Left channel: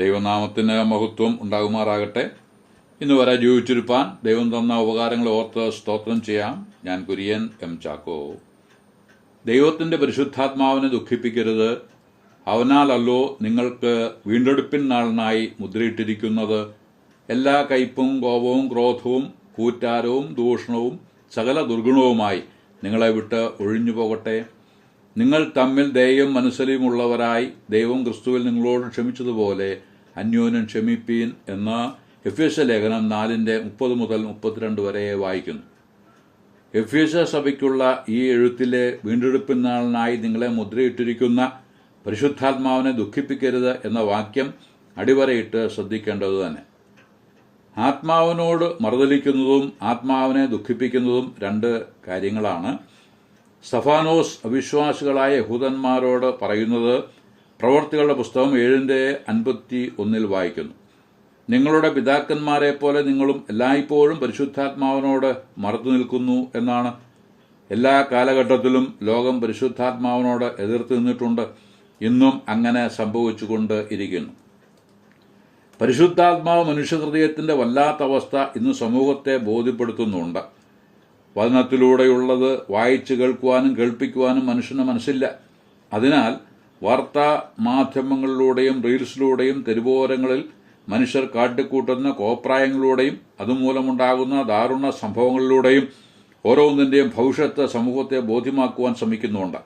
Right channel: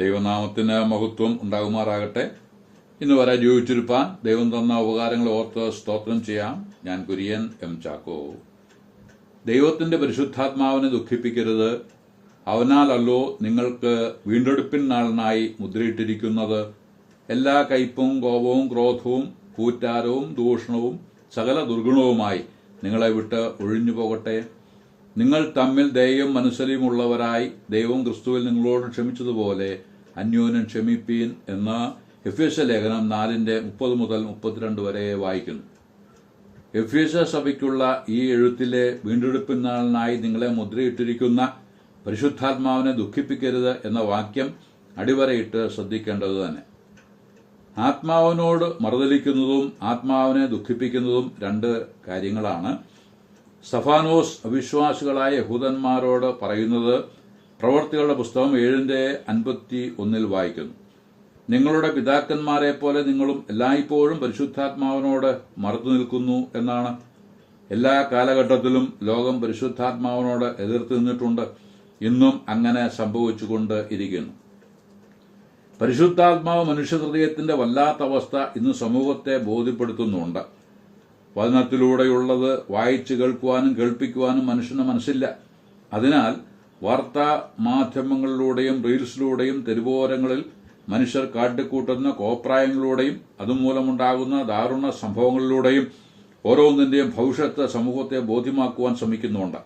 ദൈവനാമത്തിന് മഹത്വം ഉണ്ടാകുമാറാകട്ടെ. ഇന്ന് വരെ ജീവിച്ചിരിപ്പാൻ ദൈവം തന്ന ഉപകാരങ്ങൾ ഓർത്ത് സ്തോത്രം ചെയ്യാം. ഞാൻ കുര്യൻ എം ചാക്കോ. ദൈവത്തിന്റെ പരിശുദ്ധാത്മാവിനെ ദുഃഖിപ്പിക്കരുത്. അവനാലല്ലോ നിങ്ങൾക്ക് വീണ്ടെടുപ്പിൻ നാളിനായി മുദ്രയിട്ടിരിക്കുന്നത്. എല്ലാ കയ്പും കോപവും ക്രോധവും കൂറ്റാരവും ദൂഷണവും സകല ദുർഗുണവുമായി നിങ്ങളെ വിട്ട് ഒഴിഞ്ഞു പോകട്ടെ. നിങ്ങൾ തമ്മിൽ ദയയും മനസ്സലിയുമുള്ളവരായി ദൈവം ക്രിസ്തുവിൽ നിങ്ങളോട് ക്ഷമിച്ചതുപോലെ അന്യോന്യം ക്ഷമിപ്പീൻ എന്ന് എഫേസ്യ ലേഖനം 4:30 മുതൽ 32 വരെ വായിക്കുന്നു. എഫേസ്യ സഭയ്ക്കുള്ള ഈ എഴുത്തിലെ വീണ്ടെടുപ്പിൻ നാളിനായി നിങ്ങളെ മുദ്രയിട്ടിരിക്കുന്ന പരിശുദ്ധാത്മാവിനെ ദുഃഖിപ്പിക്കരുത് എന്ന വാക്യം അടിവരയിട്ട് ശ്രദ്ധിക്കേണ്ടത് തന്നെ. ആത്മാവിനോട് മറുതലിക്കുന്നതും ആത്മാവിനെ ദുഃഖിപ്പിക്കുന്നതും രണ്ട് കാര്യങ്ങളാണ്. സ്തഫാനോസ് അവിശ്വാസികളായ യഹൂദന്മാരോട് പറയുന്നത് പ്രവർത്തികളുടെ പുസ്തകം 7:51 വായിക്കുന്നു. നിങ്ങളുടെ പിതാക്കന്മാരെ പോലെ നിങ്ങളും എല്ലായ്പ്പോഴും പരിശുദ്ധാത്മാവിനോട് മറുത്തു നിൽക്കുന്നു എന്നാണ്. എല്ലാ കാലഘട്ടത്തിലും ലോകം പരിശുദ്ധാത്മാവിനോട് എതിർത്ത് നിന്നിട്ടുണ്ട്. ഇന്നും അങ്ങനെ സംഭവിച്ചുകൊണ്ട് ഇരിക്കുന്നു. പരിശുദ്ധാത്മാവ് മനുഷ്യഹൃദയത്തിന്റെ വല്ലാത്ത അവസ്ഥ ഇന്ന് സമൂഹത്തെ ബോധ്യപ്പെടുത്തുന്നുണ്ട്. വചനത്തിലൂടെയുള്ളത് വായിച്ചു കേൾക്കുവാനും കേൾപ്പിക്കുവാനും മനുഷ്യന് മനസ്സില്ല. അതിനാൽ വാർത്താ മാധ്യമങ്ങളിലൂടെയും റീൽസിലൂടെയും തെരുവോരങ്ങളിൽ മനുഷ്യർ കാട്ടിക്കൂട്ടുന്ന കോപ്രായങ്ങളിലൂടെയും അതുമൂലമുണ്ടാകുന്ന ദാരുണ സംഭവങ്ങളിലൂടെയും ഓരോന്നിന്റെയും ഭവിഷ്യത്ത് സമൂഹത്തെ ബോധ്യമാക്കുവാൻ ശ്രമിക്കുന്നുണ്ട്.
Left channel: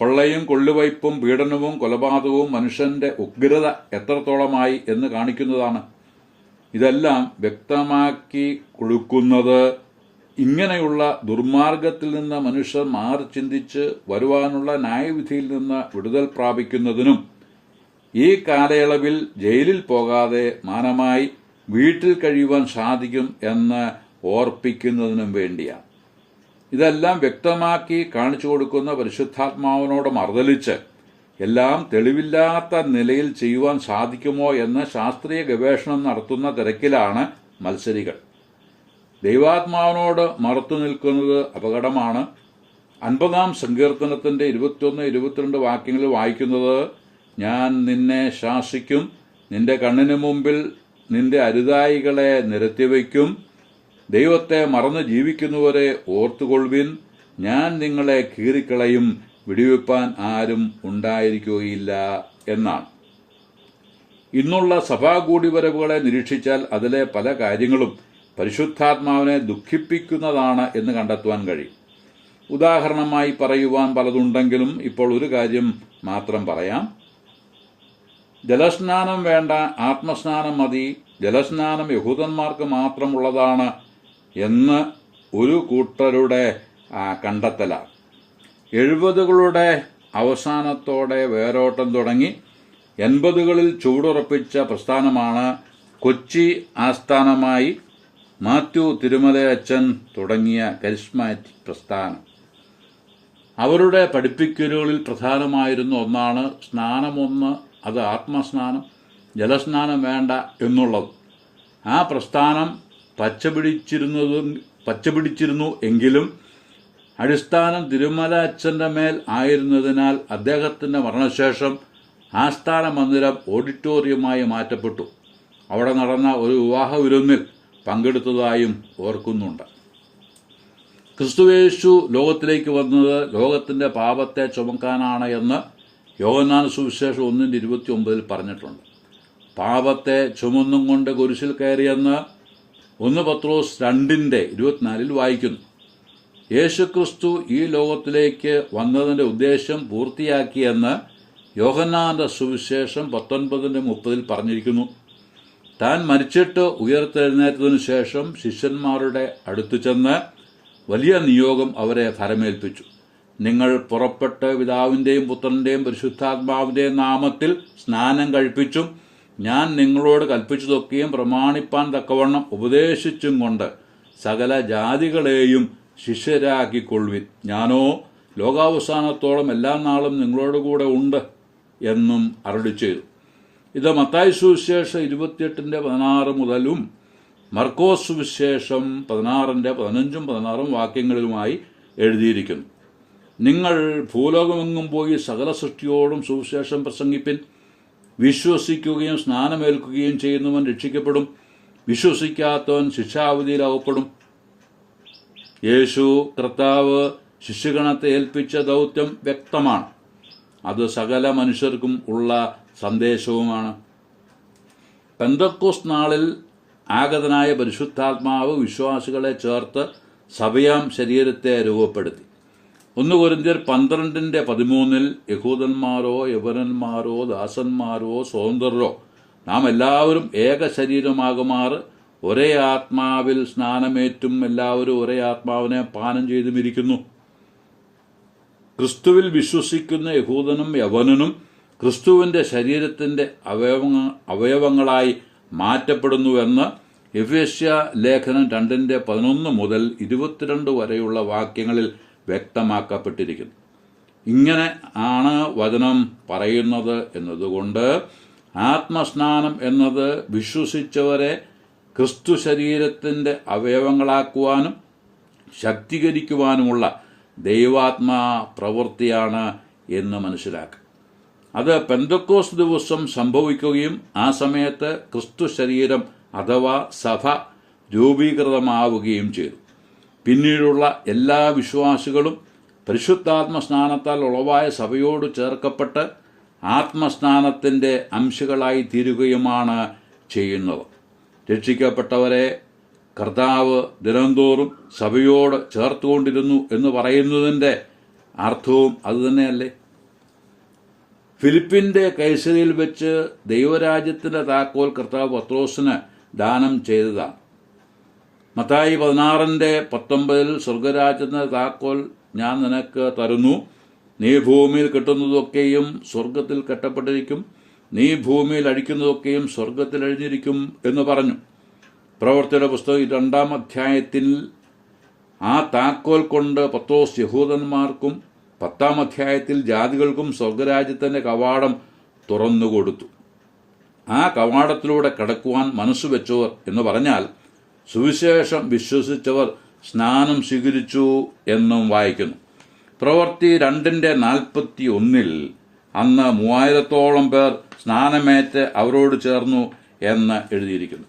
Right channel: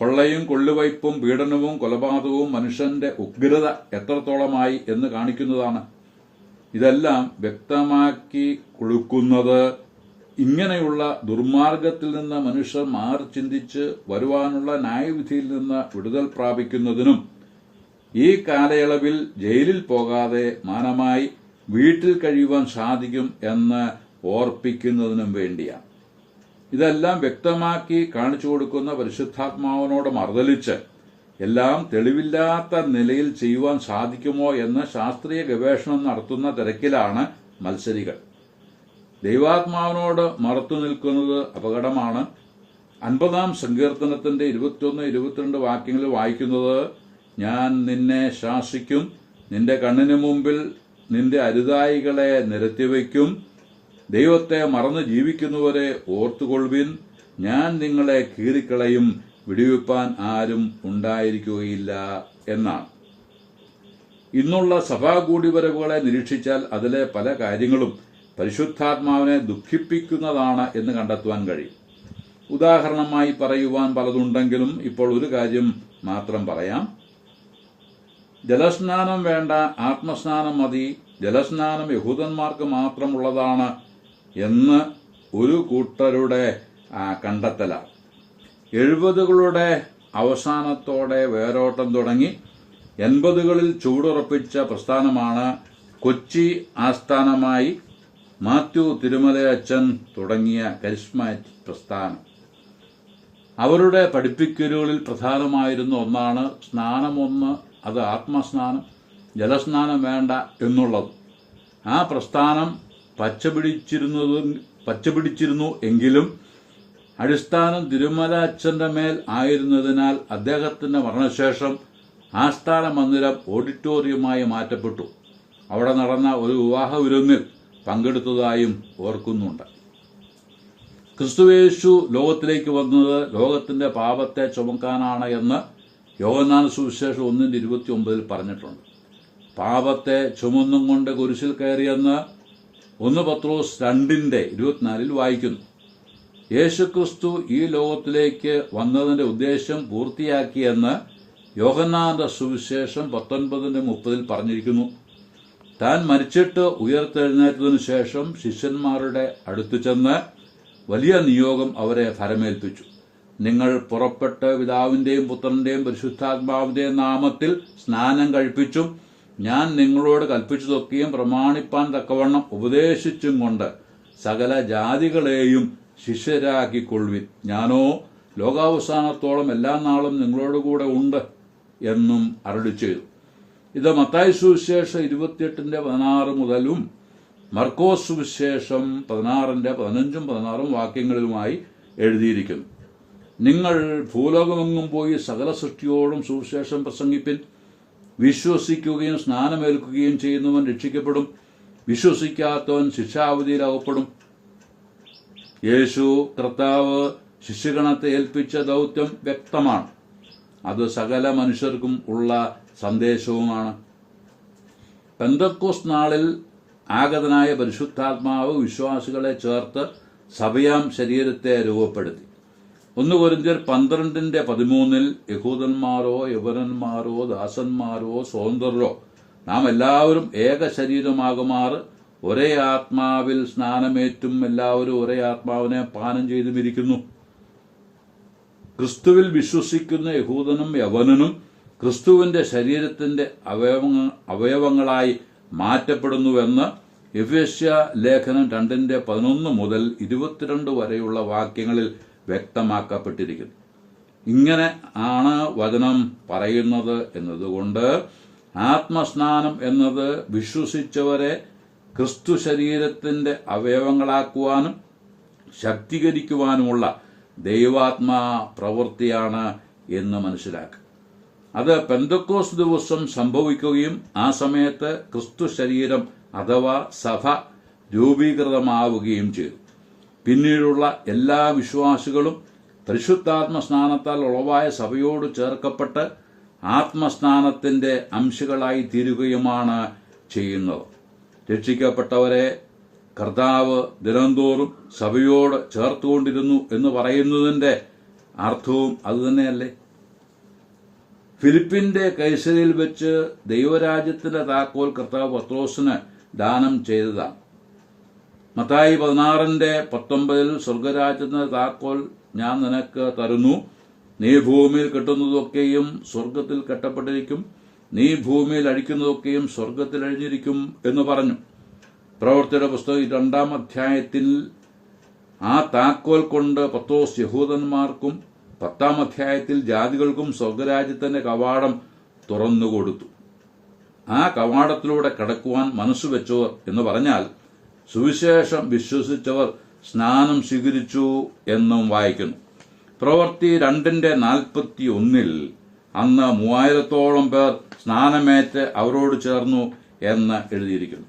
കൊള്ളയും കൊള്ളുവയ്പും പീഡനവും കൊലപാതകവും മനുഷ്യന്റെ ഉഗ്രത എത്രത്തോളമായി എന്ന് കാണിക്കുന്നതാണ്. ഇതെല്ലാം വ്യക്തമാക്കി കൊടുക്കുന്നത് ഇങ്ങനെയുള്ള ദുർമാർഗത്തിൽ നിന്ന് മനുഷ്യർ മാറി ചിന്തിച്ച് വരുവാനുള്ള ന്യായവിധിയിൽ നിന്ന് വിടുതൽ പ്രാപിക്കുന്നതിനും ഈ കാലയളവിൽ ജയിലിൽ പോകാതെ മാനമായി വീട്ടിൽ കഴിയുവാൻ സാധിക്കും എന്ന് ഓർപ്പിക്കുന്നതിനും വേണ്ടിയാണ്. ഇതെല്ലാം വ്യക്തമാക്കി കാണിച്ചു കൊടുക്കുന്ന പരിശുദ്ധാത്മാവിനോട് മറുതലിച്ച് എല്ലാം തെളിവില്ലാത്ത നിലയിൽ ചെയ്യുവാൻ സാധിക്കുമോ എന്ന് ശാസ്ത്രീയ ഗവേഷണം നടത്തുന്ന തിരക്കിലാണ് മത്സരികൾ. ദൈവാത്മാവിനോട് മറുത്തു നിൽക്കുന്നത് അപകടമാണ്. 50-ാം സങ്കീർത്തനത്തിന്റെ 21-22 വാക്യങ്ങളിൽ വായിക്കുന്നത്, ഞാൻ നിന്നെ ശാസിക്കും, നിന്റെ കണ്ണിനു മുമ്പിൽ നിന്റെ അരുതായികളെ നിരത്തിവയ്ക്കും, ദൈവത്തെ മറന്ന് ജീവിക്കുന്നവരെ ഓർത്തുകൊള്ളുവിൻ, ഞാൻ നിങ്ങളെ കീറിക്കളയും, വിടുവിപ്പാൻ ആരും ഉണ്ടായിരിക്കുകയില്ല എന്നാണ്. ഇന്നുള്ള സഭാകൂടിവരവുകളെ നിരീക്ഷിച്ചാൽ അതിലെ പല കാര്യങ്ങളും പരിശുദ്ധാത്മാവിനെ ദുഃഖിപ്പിക്കുന്നതാണ് എന്ന് കണ്ടെത്തുവാൻ കഴിയും. ഉദാഹരണമായി പറയുവാൻ പലതുണ്ടെങ്കിലും ഇപ്പോൾ ഒരു കാര്യം മാത്രം പറയാം. ജലസ്നാനം വേണ്ട, ആത്മസ്നാനം മതി, ജലസ്നാനം യഹൂദന്മാർക്ക് മാത്രമുള്ളതാണ് എന്ന് ഒരു കൂട്ടരുടെ കണ്ടെത്തലാണ്. 70കളുടെ അവസാനത്തോടെ വേരോട്ടം തുടങ്ങി 80കളിൽ ചുവടുറപ്പിച്ച പ്രസ്ഥാനമാണ് കൊച്ചി ആസ്ഥാനമായി മാത്യു തിരുമലയച്ചൻ തുടങ്ങിയ കരിസ്മാറ്റിക് പ്രസ്ഥാനം. അവരുടെ പഠിപ്പിക്കലുകളിൽ പ്രധാനമായിരുന്ന ഒന്നാണ് സ്നാനമൊന്ന്, അത് ആത്മസ്നാനം, ജലസ്നാനം വേണ്ട എന്നുള്ളത്. ആ പ്രസ്ഥാനം പച്ചപിടിച്ചിരുന്നു എങ്കിലും അടിസ്ഥാനം തിരുമല അച്ഛന്റെ മേൽ ആയിരുന്നതിനാൽ അദ്ദേഹത്തിന്റെ മരണശേഷം ആസ്ഥാന മന്ദിരം ഓഡിറ്റോറിയമായി മാറ്റപ്പെട്ടു. അവിടെ നടന്ന ഒരു വിവാഹ വിരുന്നിൽ പങ്കെടുത്തതായും ഓർക്കുന്നുണ്ട്. ക്രിസ്തുയേശു ലോകത്തിലേക്ക് വന്നത് ലോകത്തിന്റെ പാപത്തെ ചുമക്കാനാണ് എന്ന് യോഹന്നാൻ സുവിശേഷം 1:29 പറഞ്ഞിട്ടുണ്ട്. പാപത്തെ ചുമന്നും കൊണ്ട് കുരിശിൽ കയറിയെന്ന് 1 പത്രോസ് 2:24 വായിക്കുന്നു. യേശുക്രിസ്തു ഈ ലോകത്തിലേക്ക് വന്നതിന്റെ ഉദ്ദേശം പൂർത്തിയാക്കിയെന്ന് യോഹന്നാന്റെ സുവിശേഷം 19:30 പറഞ്ഞിരിക്കുന്നു. താൻ മരിച്ചിട്ട് ഉയർത്തെഴുന്നേറ്റതിനു ശേഷം ശിഷ്യന്മാരുടെ അടുത്തു ചെന്ന് വലിയ നിയോഗം അവരെ ഫലമേൽപ്പിച്ചു. നിങ്ങൾ പുറപ്പെട്ട് പിതാവിന്റെയും പുത്രന്റെയും പരിശുദ്ധാത്മാവിന്റെയും നാമത്തിൽ സ്നാനം കഴിപ്പിച്ചും ഞാൻ നിങ്ങളോട് കൽപ്പിച്ചതൊക്കെയും പ്രമാണിപ്പാൻ തക്കവണ്ണം ഉപദേശിച്ചും കൊണ്ട് സകല ജാതികളെയും ശിഷ്യരാക്കിക്കൊള്ളുവിൻ. ഞാനോ ലോകാവസാനത്തോളം എല്ലാ നാളും നിങ്ങളോടുകൂടെ ഉണ്ട് എന്നും അരുളിച്ചെയ്തു. ഇത് മത്തായി സുവിശേഷം 28:16 മുതലും മർക്കോസ് സുവിശേഷം 16:15-16 വാക്യങ്ങളിലുമായി എഴുതിയിരിക്കുന്നു. നിങ്ങൾ ഭൂലോകമെങ്ങും പോയി സകല സൃഷ്ടിയോടും സുവിശേഷം പ്രസംഗിപ്പിൻ. വിശ്വസിക്കുകയും സ്നാനമേൽക്കുകയും ചെയ്യുന്നവൻ രക്ഷിക്കപ്പെടും, വിശ്വസിക്കാത്തവൻ ശിക്ഷാവിധിയിൽ അകപ്പെടും. യേശു കർത്താവ് ശിശുഗണത്തെ ഏൽപ്പിച്ച ദൗത്യം വ്യക്തമാണ്. അത് സകല മനുഷ്യർക്കും ഉള്ള സന്ദേശവുമാണ്. പെന്തക്കോസ്ത് നാളിൽ ആഗതനായ പരിശുദ്ധാത്മാവ് വിശ്വാസികളെ ചേർത്ത് സഭയാം ശരീരത്തെ രൂപപ്പെടുത്തി. 1 കൊരിന്ത്യർ 12:13 യഹൂദന്മാരോ യവനന്മാരോ ദാസന്മാരോ സ്വതന്ത്രരോ നാം എല്ലാവരും ഏക ശരീരമാകുമാറ് ഒരേ ആത്മാവിൽ സ്നാനമേറ്റും എല്ലാവരും ഒരേ ആത്മാവിനെ പാനം ചെയ്തുമിരിക്കുന്നു. ക്രിസ്തുവിൽ വിശ്വസിക്കുന്ന യഹൂദനും യവനനും ക്രിസ്തുവിന്റെ ശരീരത്തിന്റെ അവയവങ്ങളായി മാറ്റപ്പെടുന്നുവെന്ന് എഫേസ്യ ലേഖനം 2:11 മുതൽ 22 വരെയുള്ള വാക്യങ്ങളിൽ വ്യക്തമാക്കപ്പെട്ടിരിക്കുന്നു. ഇങ്ങനെ ആണ് വചനം പറയുന്നത് എന്നതുകൊണ്ട് ആത്മസ്നാനം എന്നത് വിശ്വസിച്ചവരെ ക്രിസ്തു ശരീരത്തിന്റെ അവയവങ്ങളാക്കുവാനും ശക്തീകരിക്കുവാനുമുള്ള ദൈവാത്മാ പ്രവൃത്തിയാണ് എന്ന് മനസ്സിലാക്കുക. അത് പെന്തക്കോസ്ത് ദിവസം സംഭവിക്കുകയും ആ സമയത്ത് ക്രിസ്തു ശരീരം അഥവാ സഭ രൂപീകൃതമാവുകയും ചെയ്തു. പിന്നീടുള്ള എല്ലാ വിശ്വാസികളും പരിശുദ്ധാത്മ സ്നാനത്താൽ ഉളവായ സഭയോട് ചേർക്കപ്പെട്ട് ആത്മസ്നാനത്തിന്റെ അംശങ്ങളായി തീരുകയുമാണ് ചെയ്യുന്നത്. രക്ഷിക്കപ്പെട്ടവരെ കർത്താവ് ദിനംതോറും സഭയോട് ചേർത്തുകൊണ്ടിരുന്നു എന്ന് പറയുന്നതിന്റെ അർത്ഥവും അതുതന്നെയല്ലേ? ഫിലിപ്പിന്റെ കൈസരിയിൽ വെച്ച് ദൈവരാജ്യത്തിന്റെ താക്കോൽ കർത്താവ് പത്രോസിന് ദാനം ചെയ്തതാണ്. മത്തായി 16:19 സ്വർഗരാജ്യത്തിന്റെ താക്കോൽ ഞാൻ നിനക്ക് തരുന്നു, നീ ഭൂമിയിൽ കെട്ടുന്നതൊക്കെയും സ്വർഗത്തിൽ കെട്ടപ്പെട്ടിരിക്കും, നീ ഭൂമിയിൽ അഴിക്കുന്നതൊക്കെയും സ്വർഗത്തിൽ അഴിഞ്ഞിരിക്കും എന്ന് പറഞ്ഞു. പ്രവൃത്തിയുടെ പുസ്തകം 2-ാം അധ്യായത്തിൽ ആ താക്കോൽ കൊണ്ട് പത്രോസ് യഹൂദന്മാർക്കും 10-ാം അധ്യായത്തിൽ ജാതികൾക്കും സ്വർഗരാജ്യത്തിന്റെ കവാടം തുറന്നുകൊടുത്തു. ആ കവാടത്തിലൂടെ കടക്കുവാൻ മനസ്സുവെച്ചവർ എന്ന് പറഞ്ഞാൽ സുവിശേഷം വിശ്വസിച്ചവർ സ്നാനം സ്വീകരിച്ചു എന്നും വായിക്കുന്നു. പ്രവൃത്തി 2:41 അന്ന് 3000-ഓളം പേർ സ്നാനമേറ്റ് അവരോട് ചേർന്നു എന്ന് എഴുതിയിരിക്കുന്നു.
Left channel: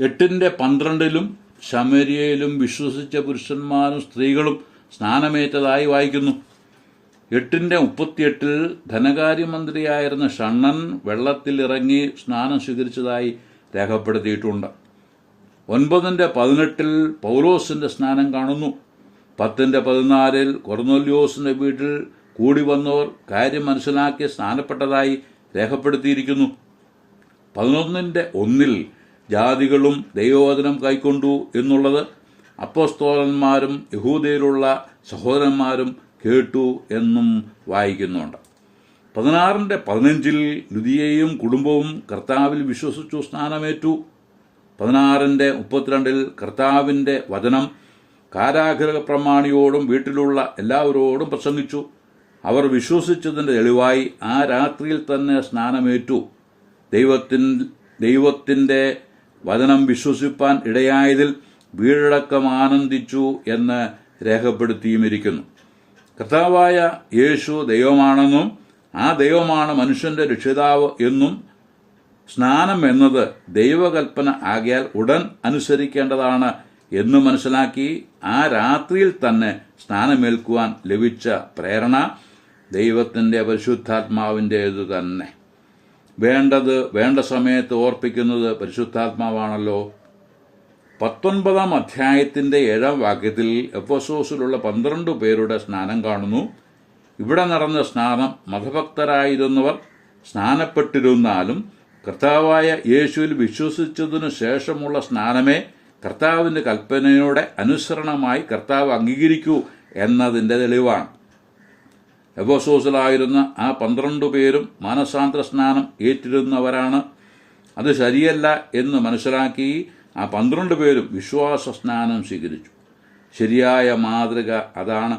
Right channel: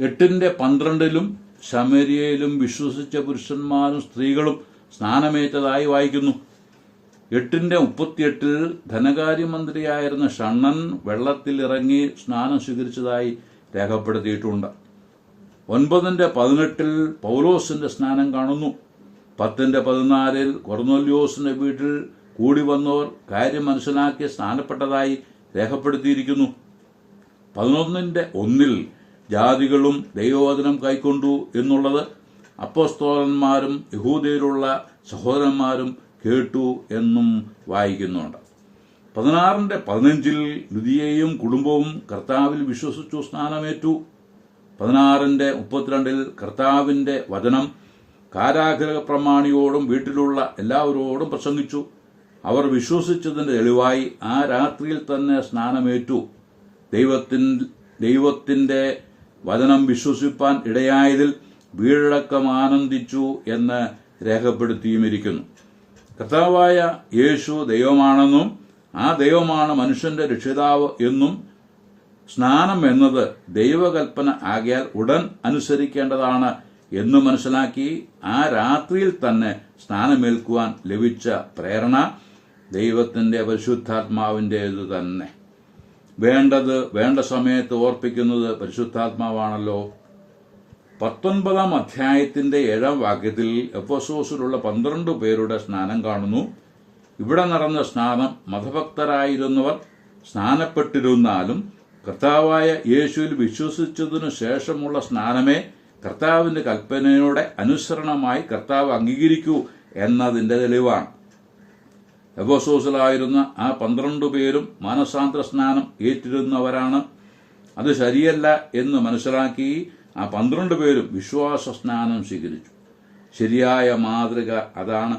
8:12 ശമരിയയിലും വിശ്വസിച്ച പുരുഷന്മാരും സ്ത്രീകളും സ്നാനമേറ്റതായി വായിക്കുന്നു. 8:38 ധനകാര്യമന്ത്രിയായിരുന്ന ഷണ്ണൻ വെള്ളത്തിൽ ഇറങ്ങി സ്നാനം സ്വീകരിച്ചതായി രേഖപ്പെടുത്തിയിട്ടുണ്ട്. 9:18 പൗലോസിന്റെ സ്നാനം കാണുന്നു. 10:14 കൊർന്നേല്യോസിന്റെ വീട്ടിൽ കൂടി വന്നവർ കാര്യം മനസ്സിലാക്കി സ്നാനപ്പെട്ടതായി രേഖപ്പെടുത്തിയിരിക്കുന്നു. 11:1 ജാതികളും ദൈവവചനം കൈക്കൊണ്ടു എന്നുള്ളത് അപ്പോസ്തലന്മാരും യഹൂദയിലുള്ള സഹോദരന്മാരും കേട്ടു എന്നും വായിക്കുന്നുണ്ട്. 16:15 ലുദിയയും കുടുംബവും കർത്താവിൽ വിശ്വസിച്ചു സ്നാനമേറ്റു. 16:32 കർത്താവിന്റെ വചനം കാരാഗൃഹ പ്രമാണിയോടും വീട്ടിലുള്ള എല്ലാവരോടും പ്രസംഗിച്ചു. അവർ വിശ്വസിച്ചതിന്റെ തെളിവായി ആ രാത്രിയിൽ തന്നെ സ്നാനമേറ്റു. ദൈവത്തിന്റെ വചനം വിശ്വസിപ്പാൻ ഇടയായതിൽ വീടടക്കം ആനന്ദിച്ചു എന്ന് രേഖപ്പെടുത്തിയുമിരിക്കുന്നു. കർത്താവായ യേശു ദൈവമാണെന്നും ആ ദൈവമാണ് മനുഷ്യന്റെ രക്ഷിതാവ് എന്നും സ്നാനം എന്നത് ദൈവകൽപ്പന ആകിയാൽ ഉടൻ അനുസരിക്കേണ്ടതാണ് എന്ന് മനസ്സിലാക്കി ആ രാത്രിയിൽ തന്നെ സ്നാനമേൽക്കുവാൻ ലഭിച്ച പ്രേരണ ദൈവത്തിന്റെ പരിശുദ്ധാത്മാവിൻ്റേതു തന്നെ. വേണ്ടത് വേണ്ട സമയത്ത് ഓർപ്പിക്കുന്നത് പരിശുദ്ധാത്മാവാണല്ലോ. 19-ാം അധ്യായത്തിന്റെ 7-ാം വാക്യത്തിൽ എഫെസോസിലുള്ള 12 പേരുടെ സ്നാനം കാണുന്നു. ഇവിടെ നടന്ന സ്നാനം മതഭക്തരായിരുന്നവർ സ്നാനപ്പെട്ടിരുന്നാലും കർത്താവായ യേശുവിൽ വിശ്വസിച്ചതിനു ശേഷമുള്ള സ്നാനമേ കർത്താവിന്റെ കൽപ്പനയുടെ അനുസരണമായി കർത്താവ് അംഗീകരിക്കൂ എന്നതിന്റെ തെളിവാണ്. എഫെസോസിലായിരുന്ന ആ 12 പേരും മാനസാന്തര സ്നാനം ഏറ്റിരുന്നവരാണ്. അത് ശരിയല്ല എന്ന് മനസ്സിലാക്കി ആ 12 പേരും വിശ്വാസ സ്നാനം സ്വീകരിച്ചു. ശരിയായ മാതൃക അതാണ്.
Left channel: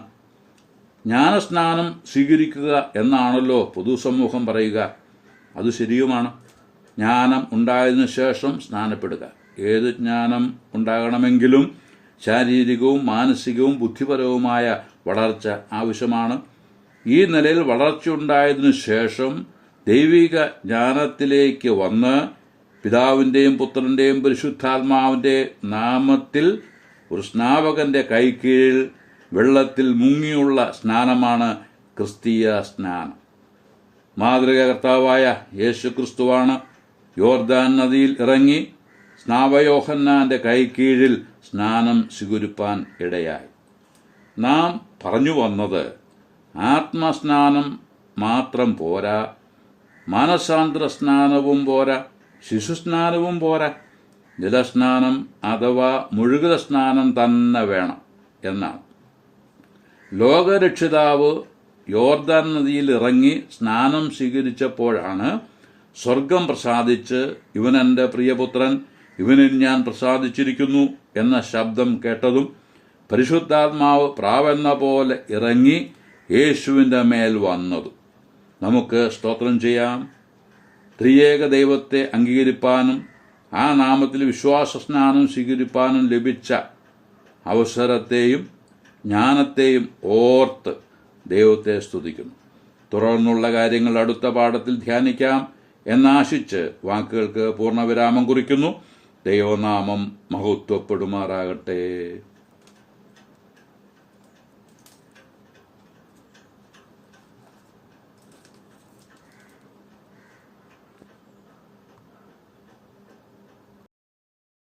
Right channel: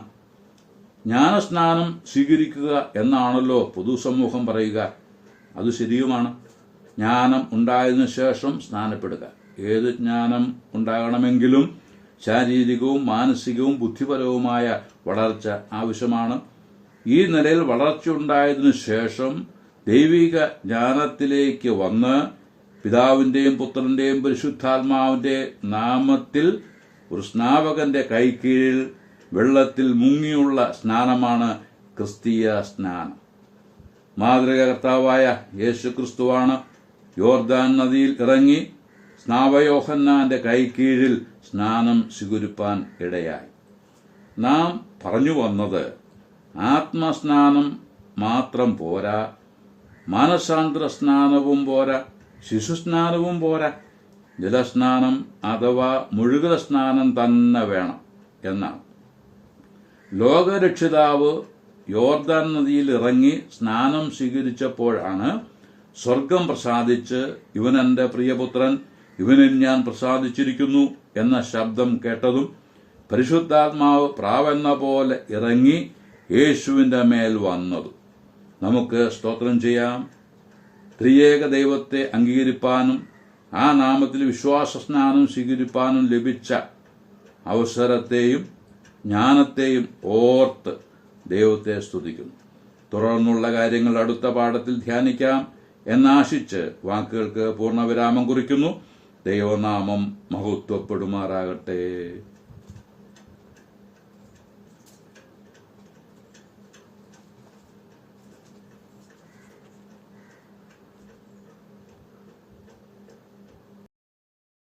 ജ്ഞാനസ്നാനം സ്വീകരിക്കുക എന്നാണല്ലോ പൊതുസമൂഹം പറയുക. അത് ശരിയുമാണ്. ജ്ഞാനം ഉണ്ടായതിനു ശേഷം സ്നാനപ്പെടുക. ഏത് ജ്ഞാനം ഉണ്ടാകണമെങ്കിലും ശാരീരികവും മാനസികവും ബുദ്ധിപരവുമായ വളർച്ച ആവശ്യമാണ്. ഈ നിലയിൽ വളർച്ചയുണ്ടായതിനു ശേഷം ദൈവിക ജ്ഞാനത്തിലേക്ക് വന്ന് പിതാവിൻ്റെയും പുത്രൻ്റെയും പരിശുദ്ധാത്മാവിൻ്റെ നാമത്തിൽ ഒരു സ്നാപകന്റെ കൈക്കീഴിൽ വെള്ളത്തിൽ മുങ്ങിയുള്ള സ്നാനമാണ് ക്രിസ്തീയ സ്നാനം. മാതൃക കർത്താവായ യേശുക്രിസ്തുവാണ് യോർദാൻ നദിയിൽ ഇറങ്ങി സ്നാപയോഹന്നാന്റെ കൈക്കീഴിൽ സ്നാനം സ്വീകരിപ്പാൻ ഇടയായി. നാം പറഞ്ഞു വന്നത് ആത്മസ്നാനം മാത്രം പോരാ, മാനസാന്തര സ്നാനവും പോരാ, ശിശുസ്നാനവും പോരാ, ജലസ്നാനം അഥവാ മുഴുകൽ സ്നാനം തന്നെ വേണം എന്നാണ്. ലോകരക്ഷിതാവ് യോർദാൻ നദിയിൽ ഇറങ്ങി സ്നാനം സ്വീകരിച്ചപ്പോഴാണ് സ്വർഗം പ്രസാദിച്ച് ഇവൻ എൻ്റെ പ്രിയപുത്രൻ, ഇവനിൽ ഞാൻ പ്രസാദിച്ചിരിക്കുന്നു എന്ന ശബ്ദം കേട്ടതും പരിശുദ്ധാത്മാവ് പ്രാവെന്ന പോലെ ഇറങ്ങി യേശുവിൻ്റെ മേൽ വന്നതും. നമുക്ക് സ്തോത്രം ചെയ്യാം. ത്രിയേക ദൈവത്തെ അംഗീകരിപ്പാനും ആ നാമത്തിൽ വിശ്വാസ സ്നാനം സ്വീകരിപ്പാനും ലഭിച്ച അവസരത്തെയും ജ്ഞാനത്തെയും ഓർത്ത് ദൈവത്തെ സ്തുതിക്കുന്നു. തുടർന്നുള്ള കാര്യങ്ങൾ അടുത്ത പാഠത്തിൽ ധ്യാനിക്കാം എന്നാശിച്ച് വാക്കുകൾക്ക് പൂർണ്ണവിരാമം കുറിക്കുന്നു. ദൈവനാമം മഹത്വപ്പെടുമാറാകട്ടെ.